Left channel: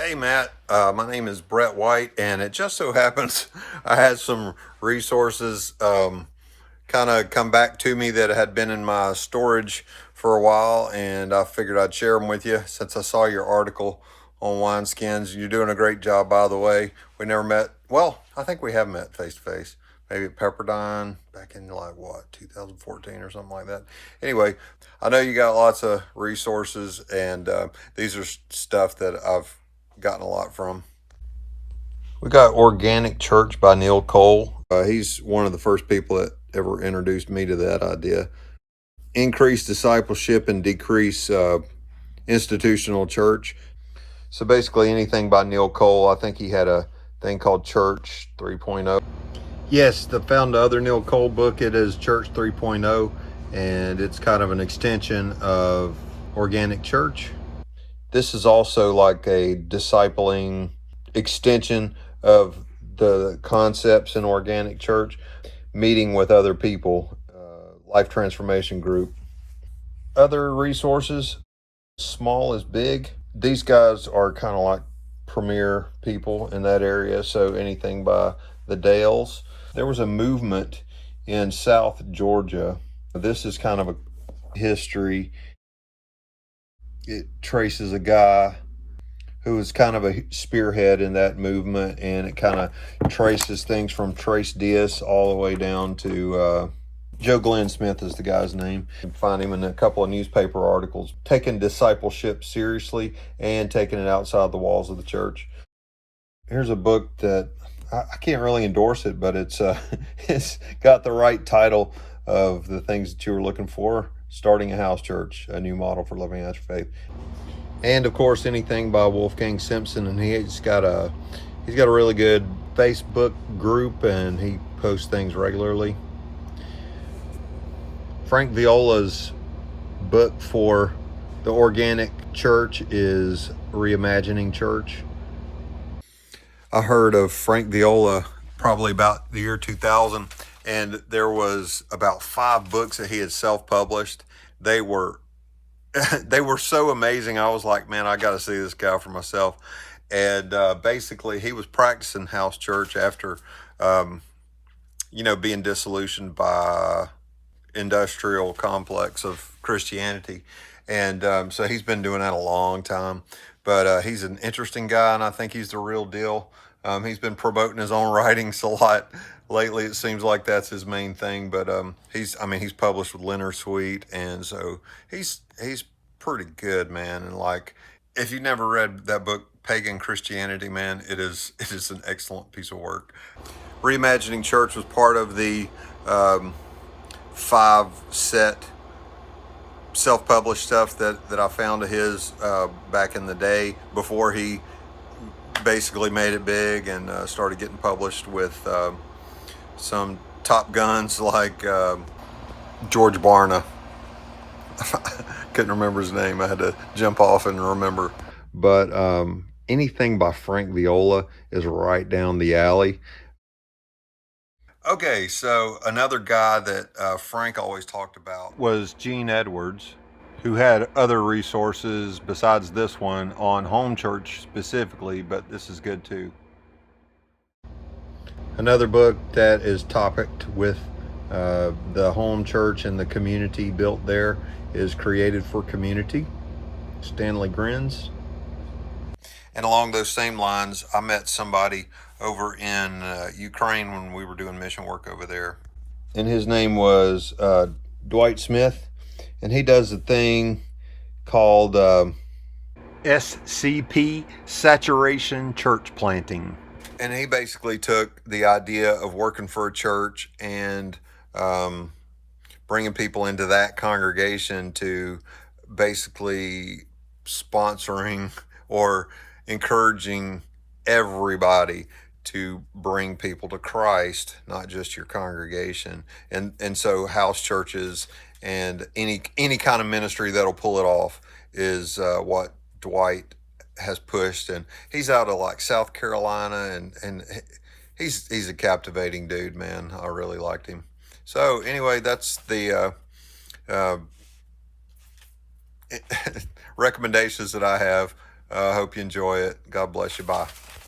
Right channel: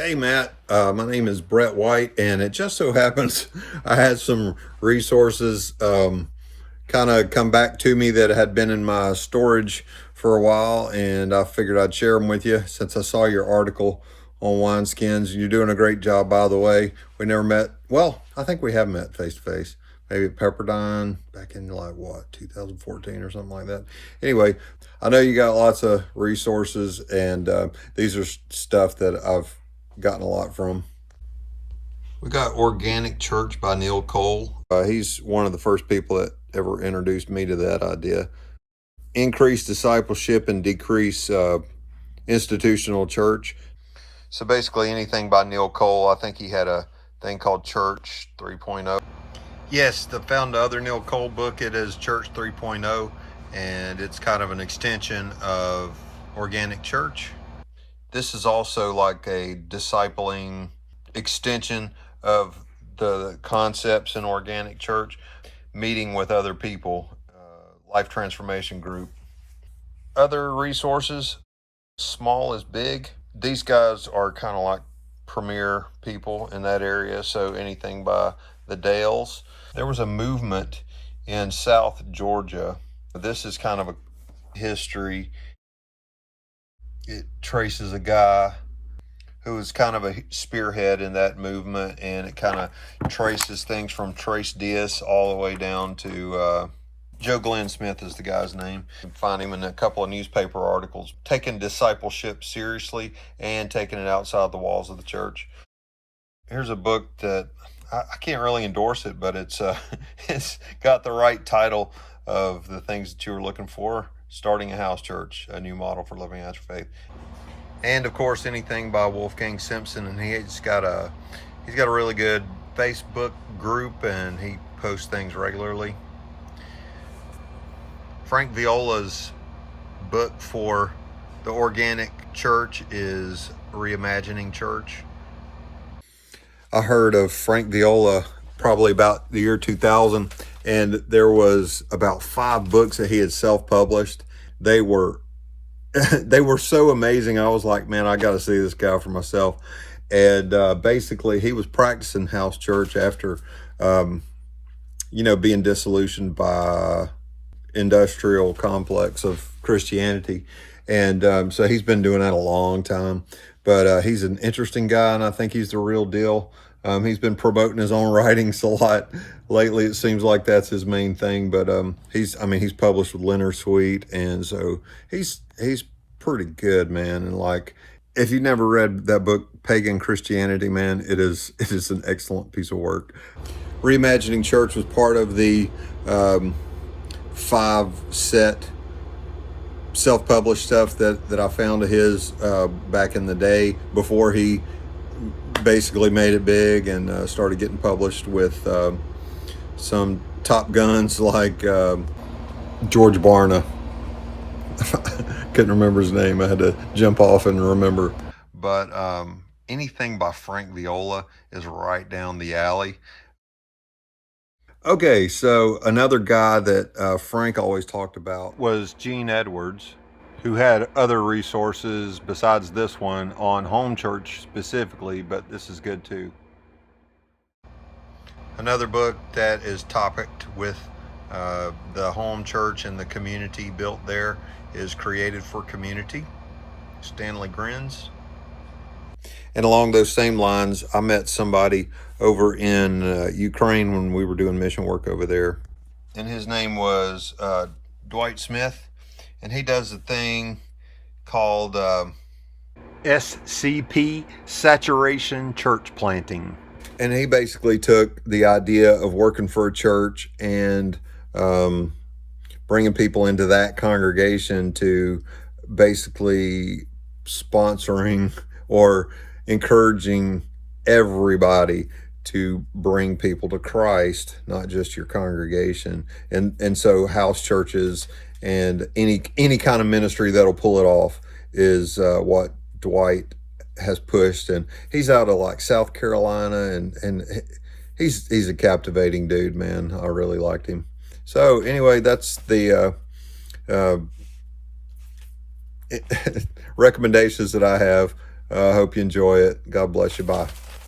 Hey Matt, my name is Brett White, and it just so happens I had some resources kind of come back to me that had been in my storage for a while, and I figured I'd share them with you since I saw your article on wineskins. You're doing a great job, by the way. We never met. Well, I think we have met face to face. Maybe at Pepperdine back in like what, 2014 or something like that. Anyway, I know you got lots of resources, and these are stuff that I've gotten a lot from. We got Organic Church by Neil Cole. He's one of the first people that ever introduced me to that idea. Increase discipleship and decrease institutional church. So basically anything by Neil Cole. I think he had a thing called Church 3.0. Yes, found the other Neil Cole book. It is Church 3.0, and it's kind of an extension of Organic Church. This is also like a discipling extension of the concepts in Organic Church, meeting with other people, life transformation group. Other resources, Small is Big. These guys are kind of like premier people in that area, so anything by the Dales. There was a movement in South Georgia. This is kind of a history. It traces a guy who was kind of a spearhead in that movement, and it kind of traces things from Trace Diaz all the way down to Joe Glenn Smith is the guy's name. You can find him in a couple of newspaper articles, taking discipleship seriously and taking it outside the walls of the church. Here's a book that I can't really endorse it, but it's it's got the right title of the things that you were looking for. Starting a House Church, a new model for living out your faith. And of course, anything by Wolfgang Simpson, and he's got a really good Facebook group, and he posts things regularly. Frank Viola's book for the Organic Church is Reimagining Church. I heard of Frank Viola probably about the year 2000, and there was about 5 books that he had self-published. They were so amazing. I was like, man, I got to see this guy for myself. And basically, he was practicing house church after, being disillusioned by industrial complex of Christianity. And so he's been doing that a long time. But he's an interesting guy, and I think he's the real deal. He's been promoting his own writings a lot lately. It seems like that's his main thing. But he's published with Leonard Sweet, and so he's pretty good, man. And like, if you never read that book, Pagan Christianity, man, it is an excellent piece of work. Reimagining Church was part of the 5-set self-published stuff that I found of his back in the day before he basically made it big and started getting published with some top guns like George Barna. Couldn't remember his name. I had to jump off and remember. But anything by Frank Viola is right down the alley. Okay, so another guy that Frank always talked about was Gene Edwards, who had other resources besides this one on home church specifically, but this is good too. Another book that is topicked with the home church and the community built there is Created for Community, Stanley Grins. And along those same lines, I met somebody over in Ukraine when we were doing mission work over there. And his name was Dwight Smith. And he does a thing called SCP, Saturation Church Planting. And he basically took the idea of working for a church and bringing people into that congregation to basically sponsoring or encouraging everybody to bring people to Christ, not just your congregation. And so house churches and any kind of ministry that'll pull it off is what Dwight has pushed. And he's out of like South Carolina, and he's a captivating dude, man. I really liked him. So anyway, that's the recommendations that I have I hope you enjoy it. God bless you. Bye.